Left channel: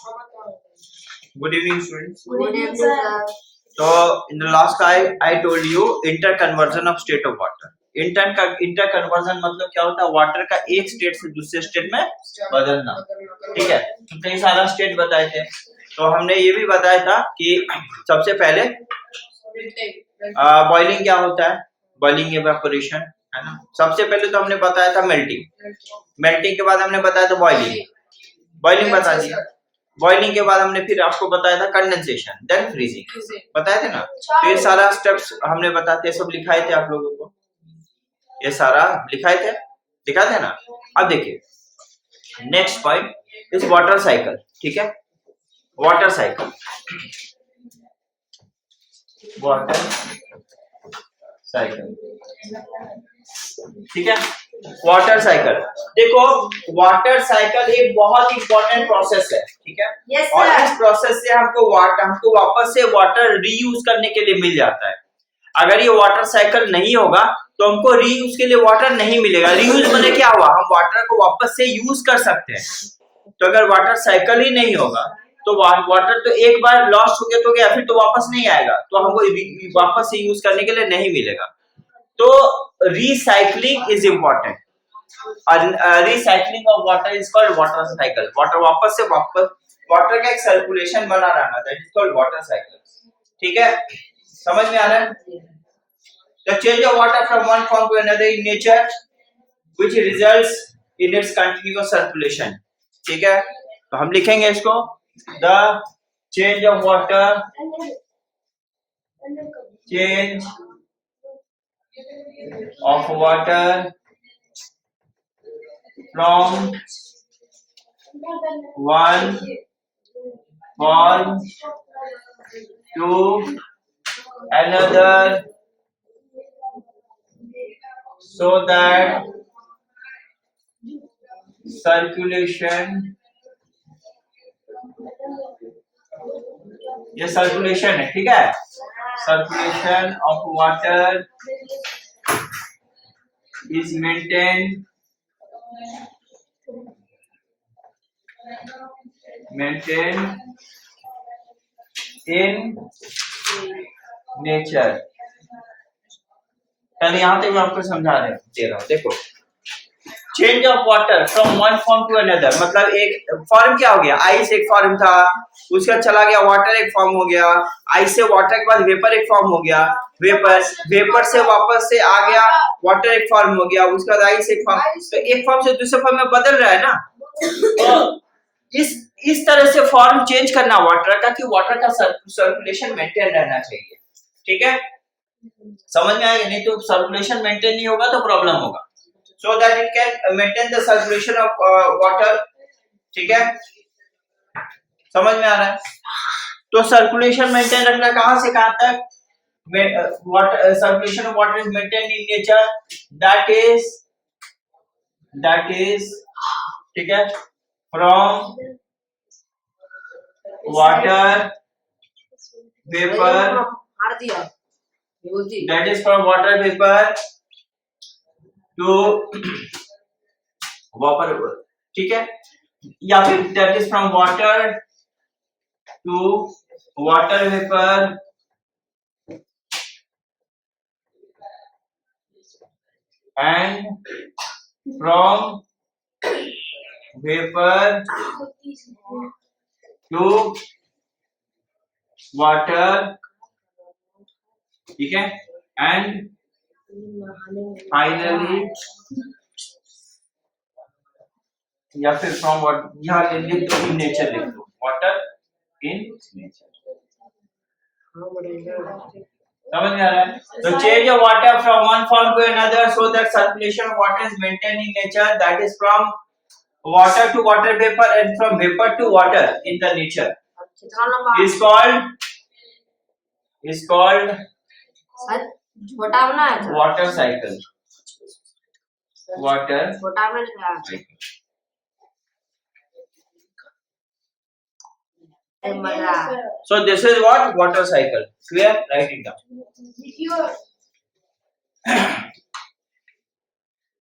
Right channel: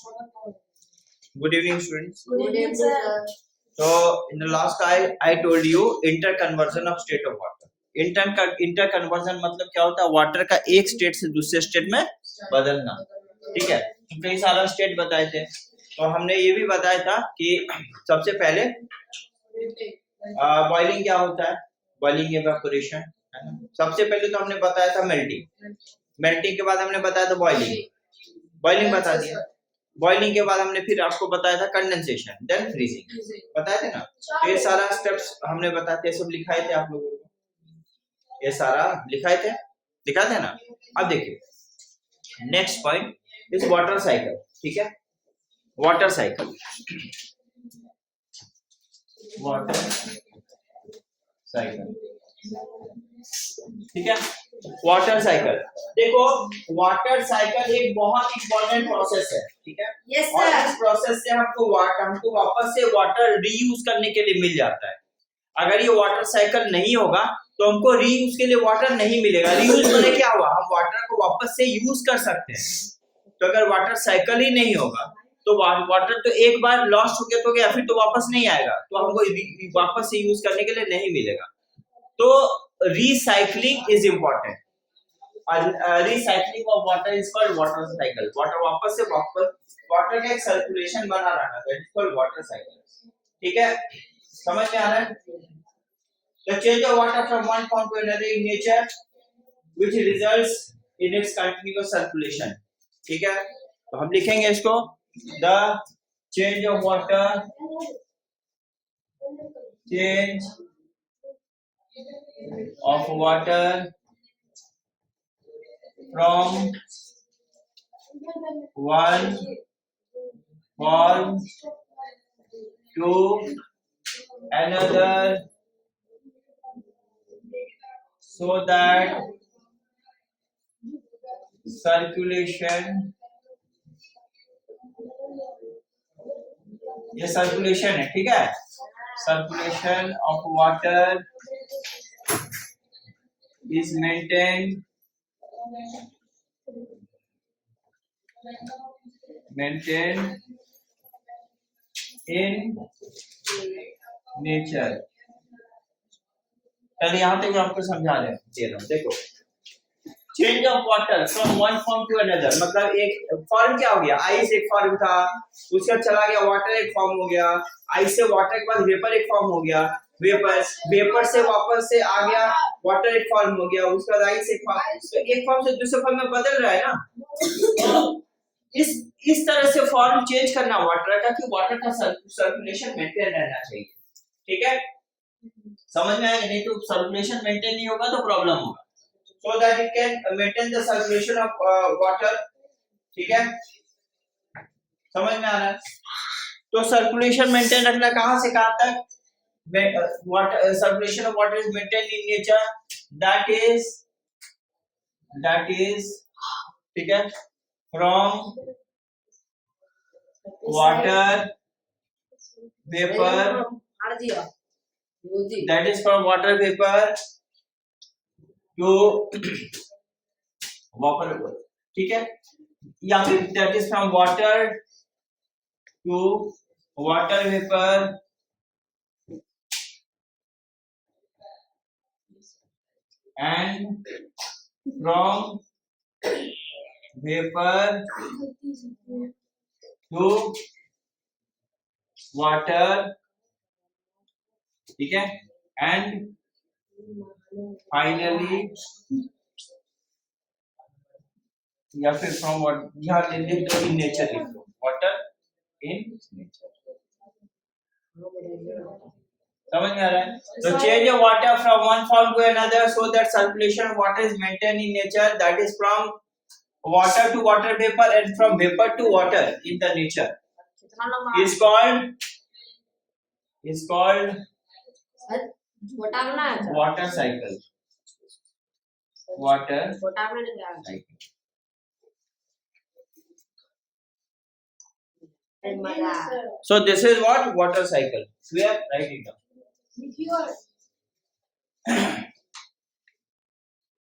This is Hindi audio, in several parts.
Good evening, students. Good evening, sir. So, in the last slide, I told you interconversion of state of water. Interconversion मतलब क्या होता है? वाटर का एक स्टेट से दूसरे स्टेट में बदलना। ठीक है, तो कई सारा स्टेट बताए थे। तो हमने ये भी बताया था कि सबसे पहले बॉइलिंग क्या होता है, बॉइलिंग इवेपोरेशन, है ना। सबसे पहले तो हमने बताया था मेल्टिंग, मेल्टिंग के बाद हमने बताया था बॉइलिंग, बॉइलिंग बता दिया। बॉइलिंग के बाद हमने फिर आपको बताया था कंडेंसेशन, देन फ्रीजिंग, बताए थे ना। तो ये सारा स्टेप्स हमने बताते सब लिखाए थे आप लोगों को, ये सारा लिखाए थे, लिखा थे ना। अब देखिए next point is water cycle. ठीक है, वाटर साइकिल, वाटर साइकिल, ठीक है। वाटर साइकिल, देखो वाटर साइकिल एक बहुत इंपॉर्टेंट प्रोसेस है, ठीक है। yes, और इस प्रोसेस से हमको वापस से वाटर रीयूज करने के लिए मिल जाता है। अगर ये वाटर साइकिल नहीं होगा तो हमको रीयूज के लिए वाटर नहीं मिलेगा। रीयूज माने क्या हुआ, हम वाटर को वापस से यूज कर सकते हैं। तो अगर वाटर साइकिल ही नहीं होगा तो वाटर तो एक बार लॉस्ट हो गया तो गया, फिर तो वापस नहीं आएगा, तो हमको वापस से यूज करने के लिए नहीं मिलेगा। तो recycling is important. Recycling of water is called water cycle. Water वापस से वाटर का एक सर्कुलेशन बना रहना, that is called water cycle. ठीक है, समझ में आ रहा है? The change of water from one form to another in nature, which results in its continuous circulation. ठीक है, तो हम लिखेंगे इसको, the change of water, change of water from one form to another, so that circulation, ये सर्कुलेशन है, ठीक है। Circulation of water is maintained in nature। पहले यहाँ तक मैं आपको समझा दे रहा हूँ। देखो, change of water from one form to another, मतलब एक फॉर्म क्या हो गया, आइस एक फॉर्म था, उसका चला गया वाटर एक फॉर्म हो गया, आइस से वाटर के बाद वेपर एक फॉर्म हो गया, वेपर से वापस से आ गया वाटर एक फॉर्म हो गया, उसके बाद आइस एक फॉर्म, तो एक फॉर्म से दूसरे फॉर्म में बदल रहा है ना। तो इस तरह से फॉर्म चेंज करना वाटर का, कि वाटर का सर्कुलेशन मेंटेन रहना चाहिए। ठीक है, समझ में आएगा? नहीं तो सर्कुलेशन मेंटेन नहीं होगा तो प्रॉब्लम होगा। So that it can maintain the circulation of water। ठीक है, समझ में आ रहा है? तो सर्कुलेशन मेंटेन रखना कहां से कहां तक? Water circulation of water is maintained in nature, that is ठीक है, from water vapour, that is from water vapour to water, ठीक है, या फिर that is from water to water vapour and from vapour to water, ठीक है, एंड फाइनली, या फिर फ्रॉम वाटर, यहाँ लिख दो इन नेचर, लिख दो वाटर इन नेचर। समझ में आ रहा है? तो change of water from one form to another so that circulation of water is maintained in nature, that is from water to water vapour and from vapour to water in the nature is called water cycle, water cycle। So this is what water cycle, clear? Write it down।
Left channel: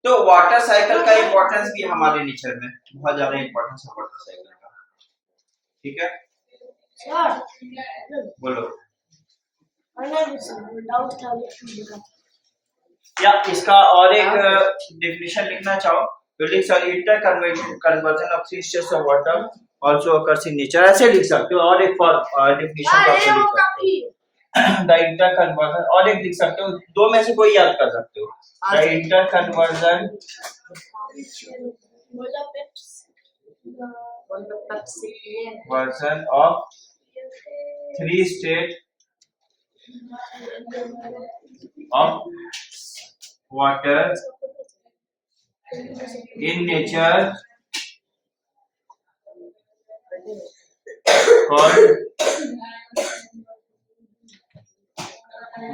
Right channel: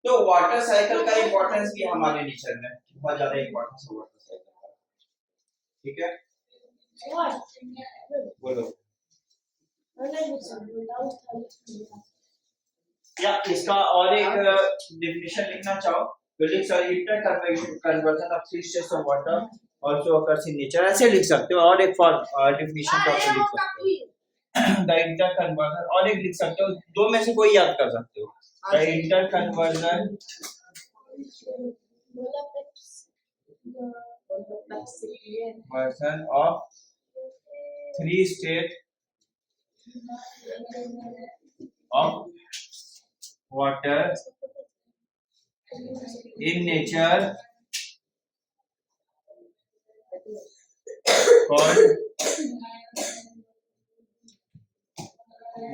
तो वाटर साइकिल का इम्पोर्टेंस भी हमारे नेचर में बहुत ज्यादा इम्पोर्टेंस है वाटर साइकिल का। ठीक है, बोलो। या इसका और एक डेफिनेशन लिखना चाहो तो लिख सकते, inter conversion of three states of water also occurs in nature, ऐसे लिख सकते हो। और एक डेफिनेशन लिख सकते हो द इंटर कन्वर्जन, और एक लिख सकते हो, दो में से कोई याद कर सकते हो। The inter conversion version of three state of water in nature called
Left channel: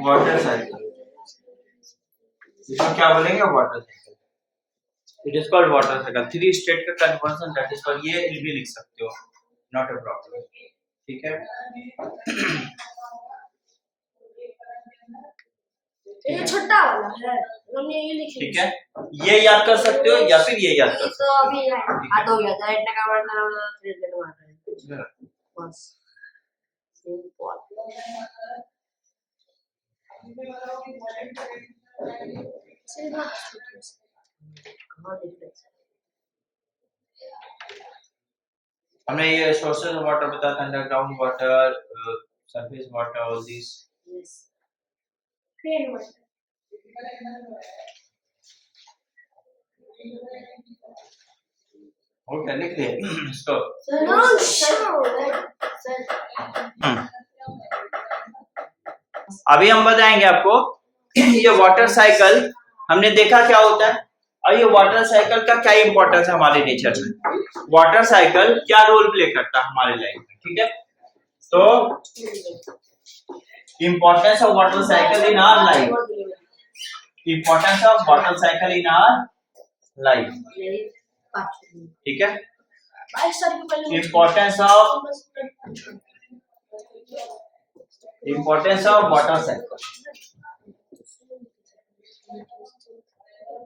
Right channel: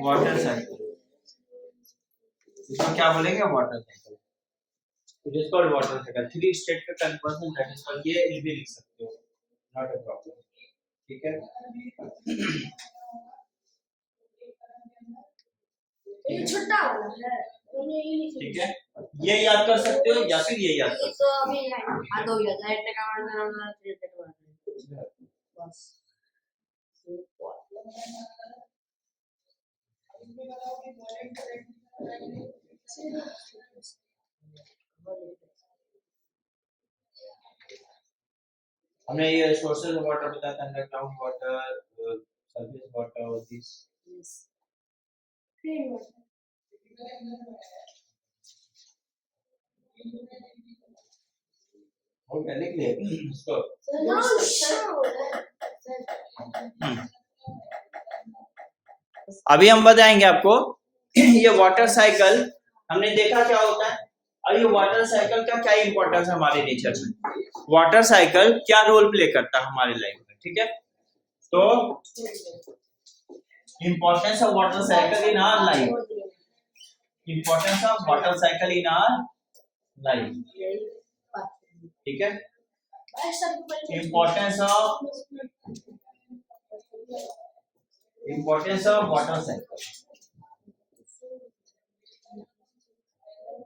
water cycle। इसको क्या बोलेंगे? Water cycle. It is called water cycle. Three state का कन्वर्जन, दैट इज कॉल्ड, ये भी लिख सकते हो, नॉट अ प्रॉब्लम। ठीक है, ये छोटा वाला है, हमने ये लिखा। ठीक है, ये याद कर सकते हो या फिर ये याद कर सकते हो। तो अभी याद हो गया था, इतना का वर्ड ना थ्री स्टेट वाटर है बस, सिंपल। हमने ये सोर्सेज ऑफ वाटर बताया था, underground water, surface water, all this. Yes, rain water. Okay, लिख लिए इसको। नो शो अभी हम बताएंगे आपको ये वाटर साइकिल हमने देखा क्या होता है, और ये वाटर साइकिल का क्या इंपॉर्टेंस है हमारे नेचर में, वाटर साइकिल क्या रोल प्ले करता है हमारे लाइफ में। ठीक है, तो importance of water cycle in our life, importance of water cycle in our life. ठीक है, इंपॉर्टेंस ऑफ वाटर साइकिल।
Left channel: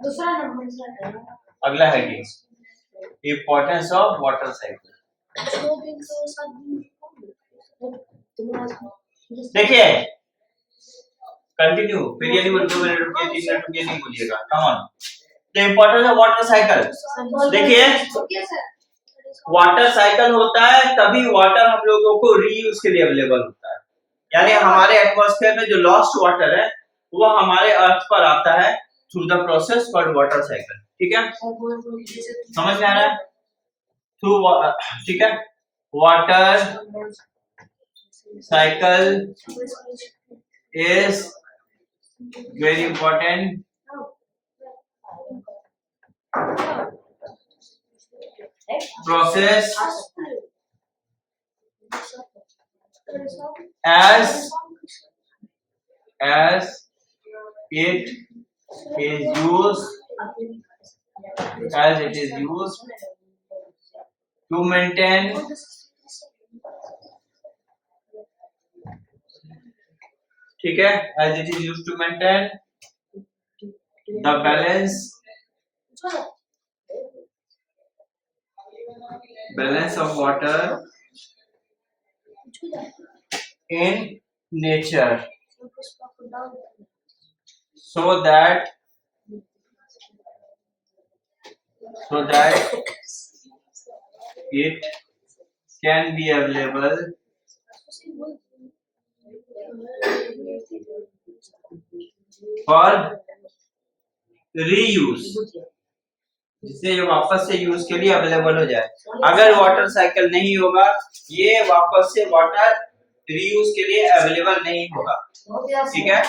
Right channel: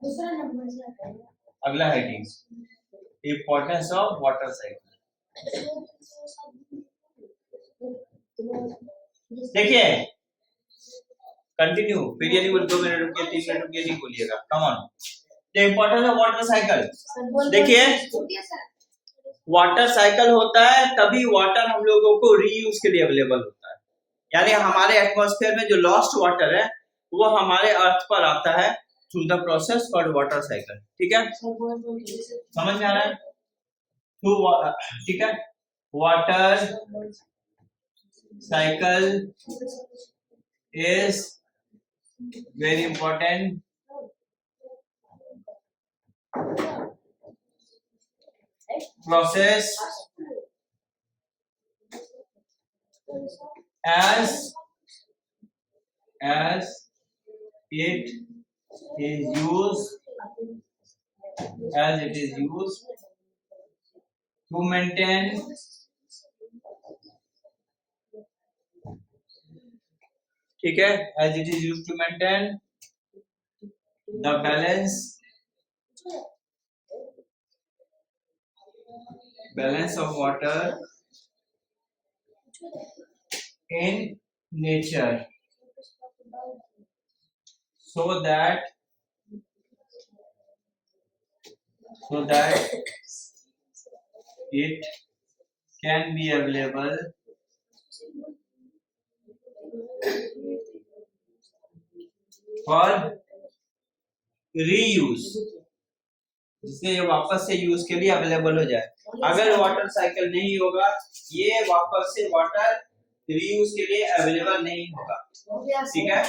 दूसरा नंबर अगला heading, importance of water cycle. देखिए, कंटिन्यू, फिर ये नहीं बोल 2 मिनट रुकिए, 3 मिनट रुकिए नहीं बोलिएगा। Come on, the importance of water cycle. देखिए, वाटर साइकिल होता है तभी वाटर हम लोगों को रीयूज के लिए अवेलेबल होता है, यानी हमारे एटमॉस्फेयर में जो लॉस्ट वाटर है वो हमारे अर्थ पर आता है through the process called water cycle. ठीक है, समझ में आ रहा है? थ्रू, ठीक है, water cycle is very important process as it is used to maintain ठीक है, as it is used to maintain the balance of water in nature, so that it can be available for reuse, जिससे ये वापस से यूज के लिए अवेलेबल हो जाए। अगर वाटर साइकिल नहीं होगा, ये वापस से वाटर रीयूज के लिए अवेलेबल नहीं होगा। ठीक है,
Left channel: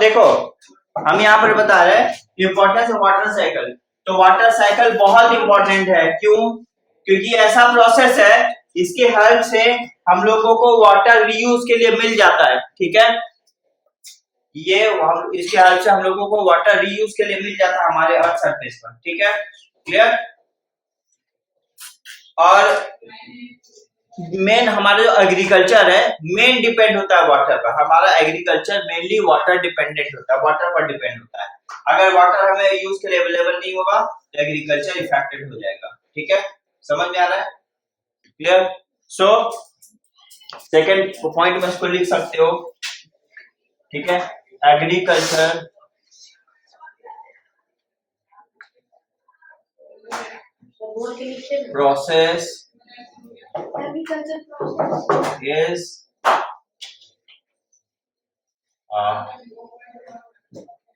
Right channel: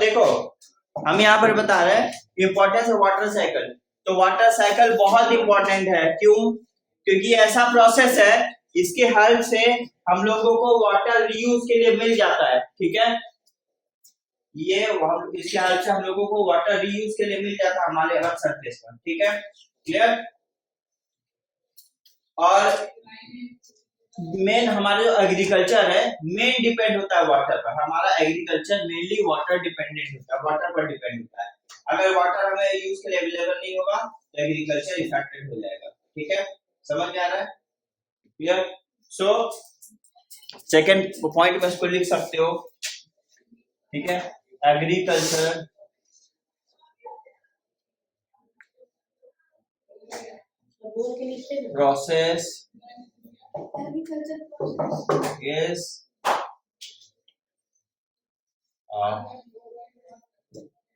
देखो हम यहाँ पर बता रहे हैं इंपॉर्टेंस ऑफ वाटर साइकिल। तो वाटर साइकिल बहुत इंपॉर्टेंट है, क्यों? क्योंकि ऐसा प्रोसेस है इसके हेल्प से हम लोगों को वाटर रीयूज के लिए मिल जाता है। ठीक है, ये इसके हेल्प से हम लोगों को वाटर रीयूज के लिए मिल जाता है हमारे अर्थ सरफेस पर। ठीक है, क्लियर? और मेन हमारा जो एग्रीकल्चर है मेन डिपेंड होता है वाटर पर। हमारा एग्रीकल्चर मेनली वाटर डिपेंडेंट होता है, वाटर पर डिपेंड होता है। अगर वाटर हमें यूज के लिए अवेलेबल नहीं होगा तो एग्रीकल्चर इफेक्टेड हो जाएगा। ठीक है, समझ में आ रहा है? क्लियर? सो सेकंड पॉइंट में इसको लिख सकते हो। ठीक है, agriculture process is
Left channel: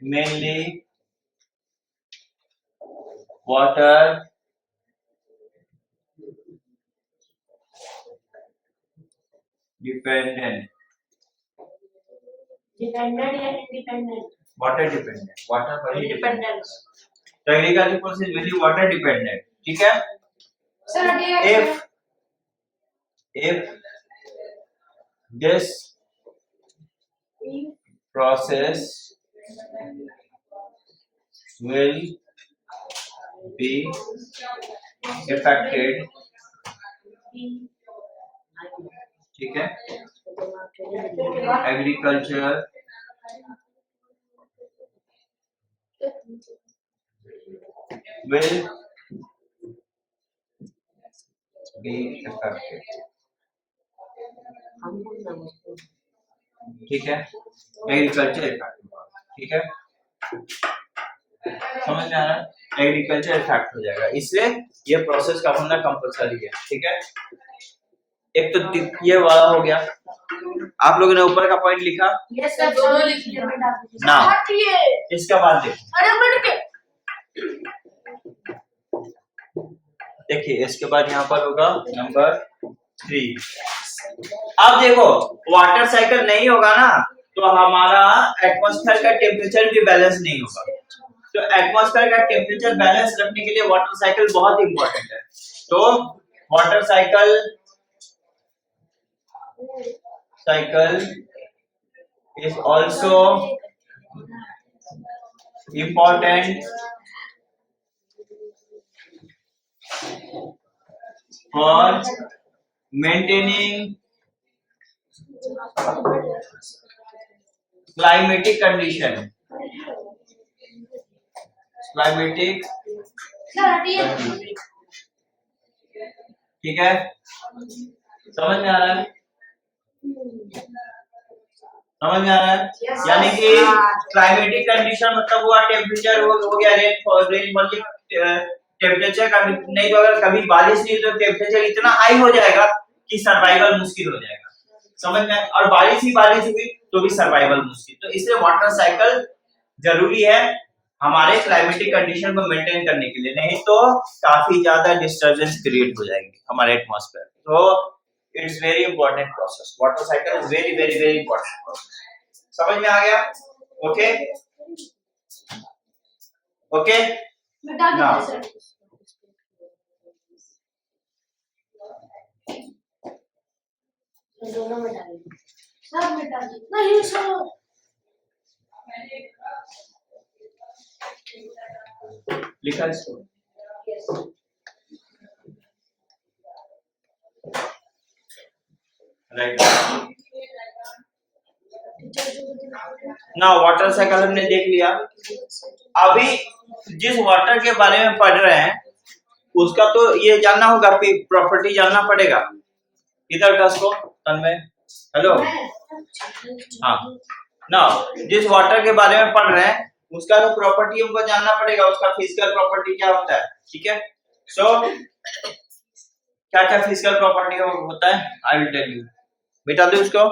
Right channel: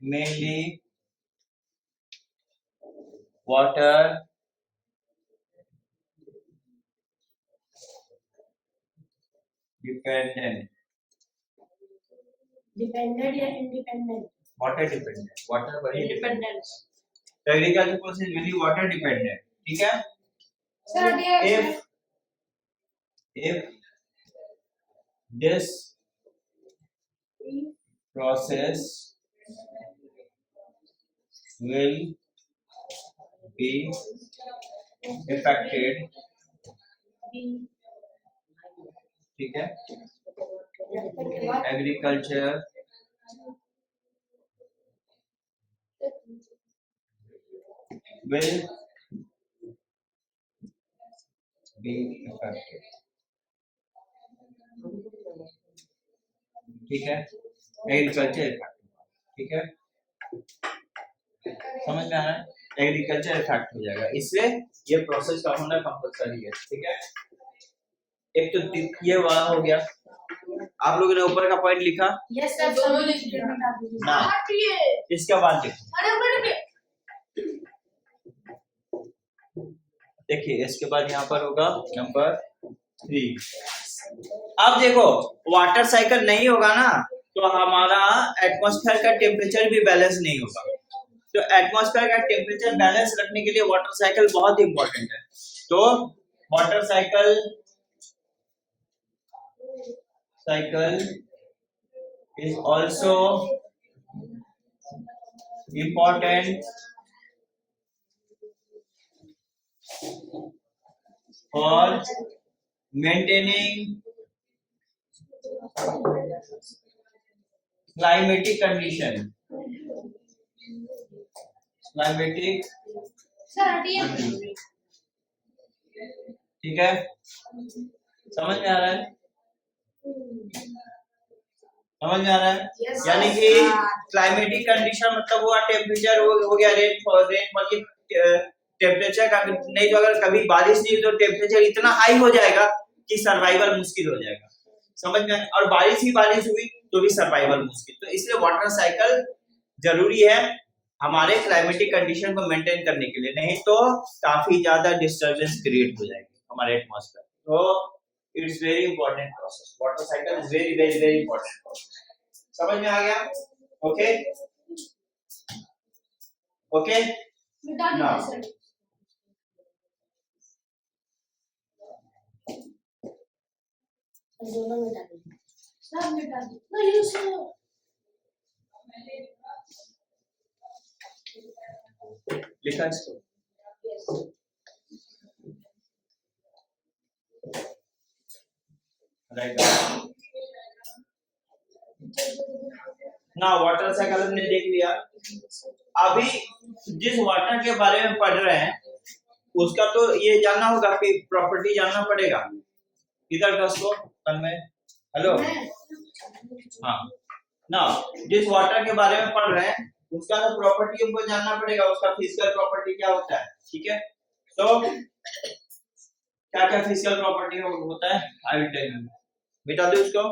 mainly water dependent. Dependent या इंडिपेंडेंट? वाटर डिपेंडेंट, वाटर पर ही इंडिपेंडेंट। तो agriculture process very water dependent. ठीक है, sir if this process will be affected, ठीक है, agriculture will be affected। ठीक है, एग्रीकल्चर इफेक्ट। ठीक है, समझ में आ रहा है? एग्रीकल्चर इफेक्ट हो जाएगा, इसलिए ये प्रोसेस का होना कंपलसरी है। ठीक है, एक तो ये वाला हो गया। आप लोगों ने ऊपर का पॉइंट लिखा? यस सर, दोनों लिख दिया ना, इसका बाद देखो। देखिए इसके बाद यहाँ पर होगा नंबर 3। अब देखो वाटर साइकिल नहीं होगा ना तो हमारा एटमॉस्फेयर का टेम्परेचर भी बैलेंस नहीं होगा। तो एटमॉस्फेयर का टेम्परेचर बैलेंस रखने के लिए वाटर साइकिल बहुत इंपॉर्टेंट है। तो water cycle is also important for maintaining climatic condition। ठीक है, समझ में आ रहा है? समझ में आ रहा है? यानी कि क्लाइमेटिक कंडीशन मतलब हुआ टेम्परेचर हो गया, रेनफॉल टेम्परेचर का नहीं, तो अगर कभी बारिश नहीं तो टेम्परेचर इतना हाई हो जाएगा कि सर्वाइवल मुश्किल हो जाएगा। समझ में? और बारिश हुई तो भी सर्वाइवल मुश्किल। तो इसलिए वाटर साइकिल जरूरी है हमारे क्लाइमेटिक कंडीशन को मेंटेन करने के लिए, नहीं तो काफी ज्यादा डिस्टर्बेंस क्रिएट हो जाएगी हमारे एटमॉस्फेयर। तो it's very important process, water cycle is very very very important process. समझ में आ गया? ओके ओके नाउ दोनों में डालिए, सब में डालिए। नहीं सर, लिखा इसको। राइट ना, वाटर साइकिल हमने देख लिया। अभी जिस वाटर के बारे में पढ़ रहे हैं उसका तो ये जानना होगा, प्रॉपर्टी जानना पड़ेगा। इधर का उसको तन्मय, हेलो, हाँ ना, जिस वाटर के बारे में पढ़ रहे हैं उसका तो प्रॉपर्टी हमको जानना पड़ेगा, उसका फिजिकल प्रॉपर्टी क्या होता है। ठीक है, सो क्या क्या फिजिकल प्रॉपर्टी होता है आई विल टेल यू। मिटा दो उसको।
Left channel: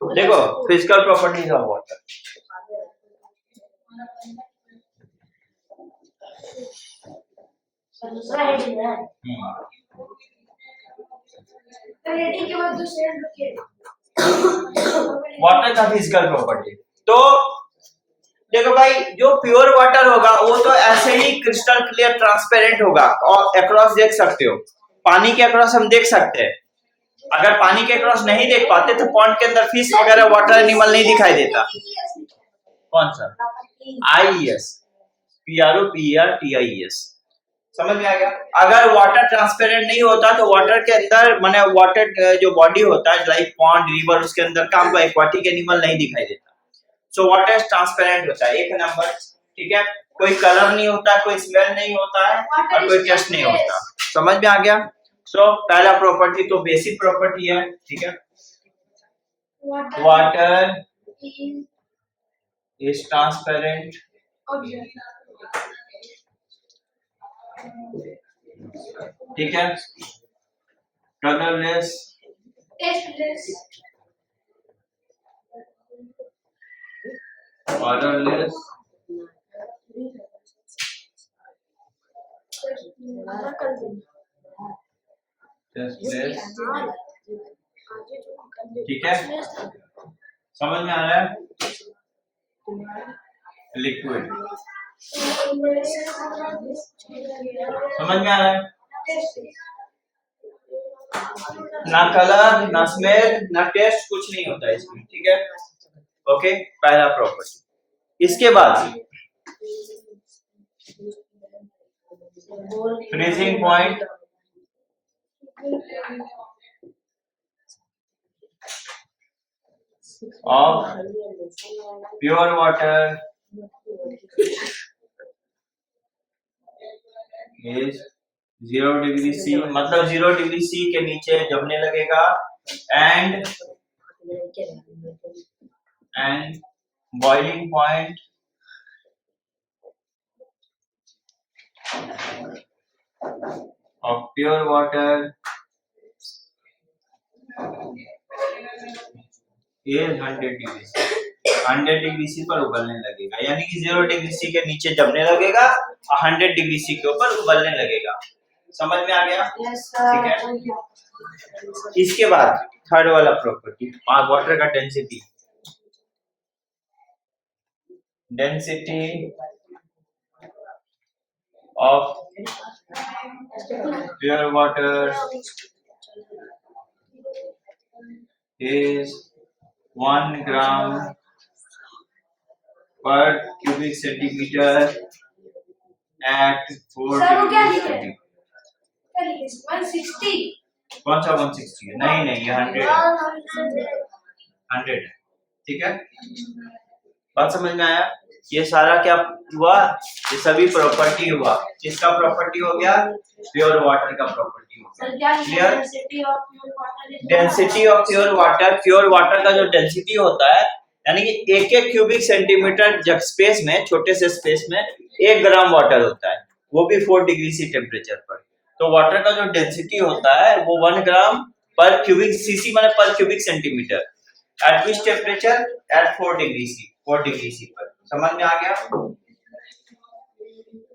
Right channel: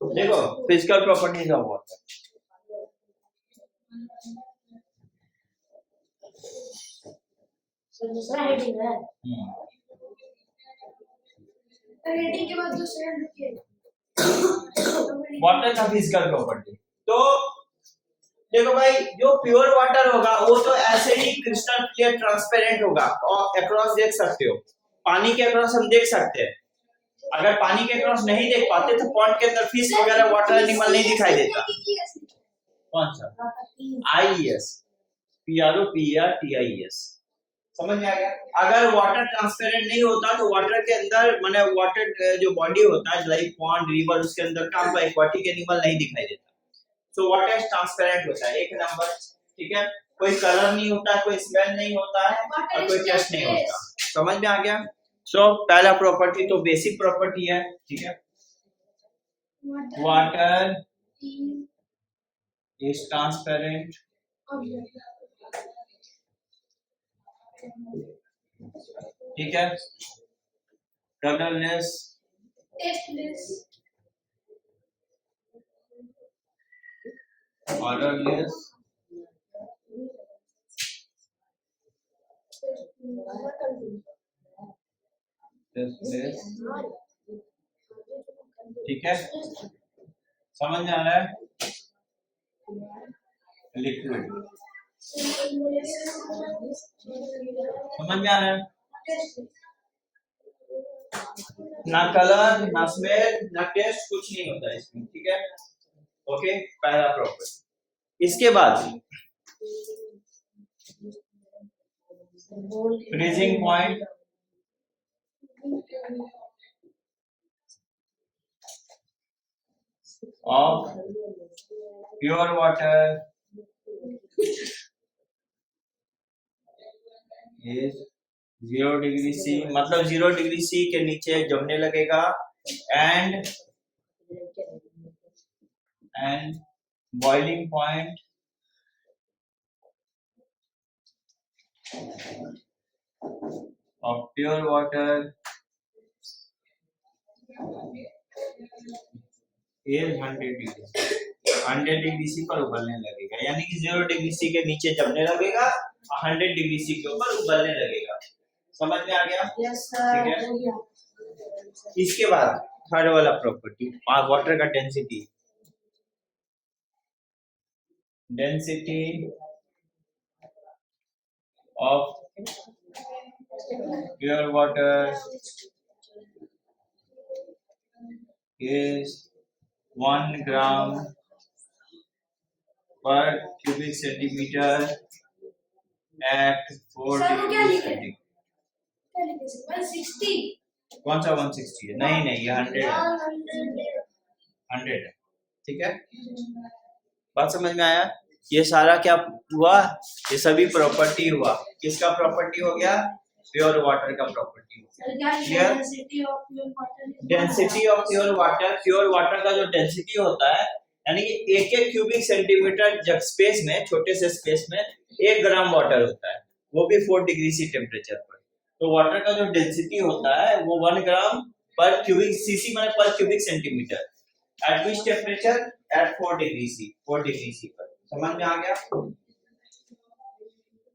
देखो physical properties of water, rating के बाद दूसरे वाटर का फिजिकल प्रॉपर्टी। तो देखो भाई, जो प्योर वाटर होगा वो तो ऐसे ही क्रिस्टल क्लियर ट्रांसपेरेंट होगा और अक्रॉस देख सकते हो। पानी के अक्रॉस हम देख सकते हैं। अगर पानी के अक्रॉस नहीं देख पाते तो पॉन्ड के अंदर फिश वगैरह वाटर एनिमल नहीं दिखाई देता। कौन सा? IES, PROPERTIES। समझ में आ गया? अगर वाटर ट्रांसपेरेंट नहीं होता तो वाटर के अंदर माने वाटर जो बॉडी होता है लाइक पॉन्ड रिवर उसके अंदर का हमको एक्वाटिक एनिमल नहीं दिखाई देता। सो वाटर ट्रांसपेरेंट होता है, एक नंबर। ठीक है, कोई कलर नहीं होता, कोई स्मेल नहीं होता है और कोई टेस्ट नहीं होता। समझ में आ गया? सो पहला प्रॉपर्टी तो बेसिक प्रॉपर्टी है। ठीक है, वाटर इज ट्रांसपेरेंट ठीक है, कलरलेस, ऑर्डरलेस, टेस्टलेस। ठीक है, समझ में आ रहा है? लिक्विड, समझ में आ रहा है? ना कलर, ना स्मेल, ना टेस्ट, कुछ नहीं होता है इसमें। ठीक है, ओके, पहला प्रॉपर्टी। इसके बाद freezing point of pure water is 0 degree C, मतलब 0 डिग्री C के नीचे जमने लगेगा and boiling point of pure water is 100 degree C। 100 degree C पर उबलने लगेगा, यानी कि 0 डिग्री C के नीचे जमने लगेगा और 100 डिग्री C के ऊपर उबलने लगेगा। समझ में आ गया? ठीक है, इसके बाद थर्ड वाला प्रॉपर्टी वाटर का density of pure water is 1 gram per cubic centimeter at 4 degree centigrade। 160 कौन सा 160 है? नहीं, ये 100 है, 100 है। ठीक है, बात समझ में आया? ये सारा क्या हुआ? ये सभी प्रॉपर्टी हुआ। किसका प्रॉपर्टी हो गया? प्योर वाटर का प्रॉपर्टी हो गया। Clear? Density of pure water, pure water का जो डेंसिटी होता है यानी कि एक क्यूबिक सेंटीमीटर जब स्पेस में, छोटे से स्पेस में 1 ग्राम वाटर होता है, वो भी 4 डिग्री C टेम्परेचर पर। तो वाटर का जो डेंसिटी होता है वो 1 ग्राम पर क्यूबिक सीसी माने पर cubic centimetre at which temperature? At 4 degree C, 4 degree C पर। समझ में आ गया?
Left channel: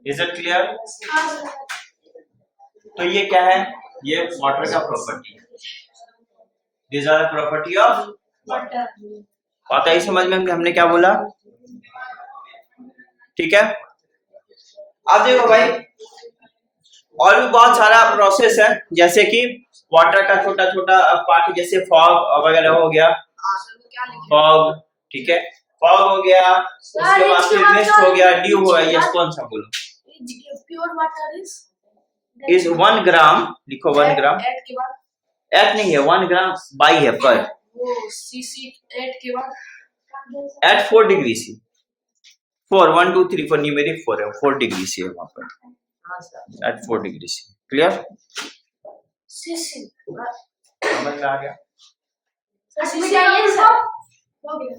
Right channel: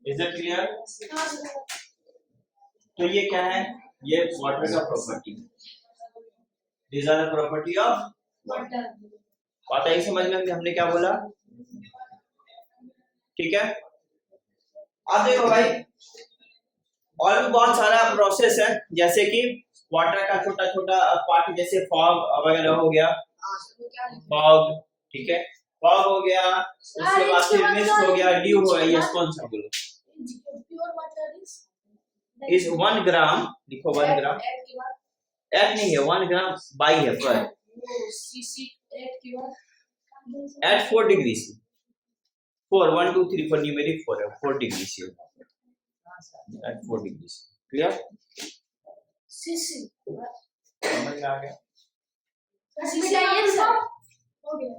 Is it clear? तो ये क्या है? ये वाटर का प्रॉपर्टी है। This are property of water. बात आई समझ में हमने क्या बोला? ठीक है, अब देखो भाई और भी बहुत सारा प्रोसेस है, जैसे कि वाटर का छोटा छोटा पार्ट, जैसे फॉग वगैरह हो गया, फॉग। ठीक है, फॉग हो गया, उसके बाद फिर मिस्ट हो गया, ड्यू हो गया। यस, कौन सा बोलो? प्योर वाटर इज 1 ग्राम, लिखो 1 ग्राम। एट नहीं है, 1 ग्राम बाई है पर। वो सीसी 8 के बाद एट 4 डिग्री C, 4 1 2 3 4 न्यूमेरिक 4 है, 4 डिग्री C है वहां पर। At 4 degree C। Clear? CC समझ में आ गया? सीसी आइए सर, हो गया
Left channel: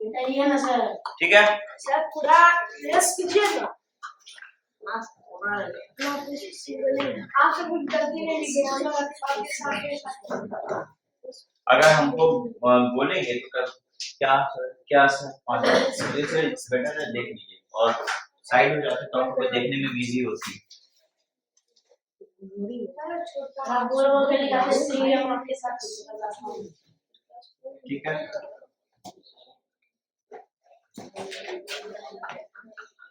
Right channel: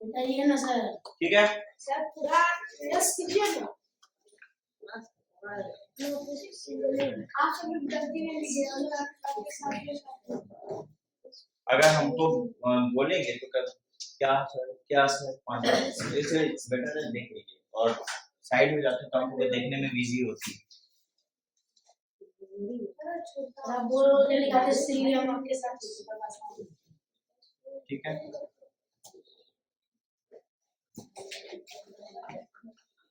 बताइए ना सर। ठीक है, सर पूरा यस कीजिए ना। आप सब कुछ गलती नहीं लिखे, आपके साथ अगर हमको बोलेंगे तो कर क्या सर 5 मिनट बेटर है, देख लीजिए और साइड हो जाते तो हमको देखने में इजी होती है। आप बोल के लिखाते सी हम आपके साथ। ठीक है,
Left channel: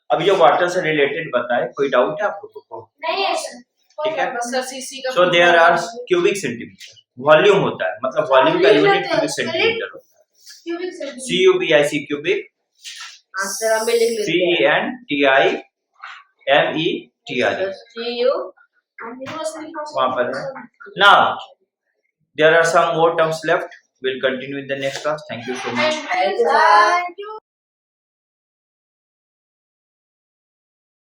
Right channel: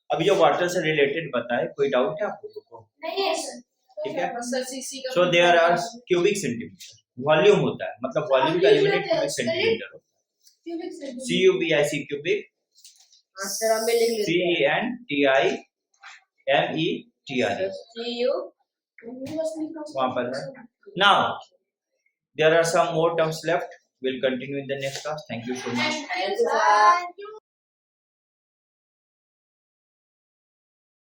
अब ये वाटर से रिलेटेड बताए, कोई डाउट है आप लोगों को? नहीं है सर। ठीक है, सर सीसी का so there are cubic centimetre, volume होता है, मतलब वॉल्यूम का यूनिट क्यूबिक सेंटीमीटर होता है। Cubic centimeter. CUBIC cubic, answer हम भी लिख लेते हैं CENTIMETR. CU And universally वहाँ पर है. Now there are some more terms left. We'll continue in the next class. Thank you so much. Thank you, sir. Thank you.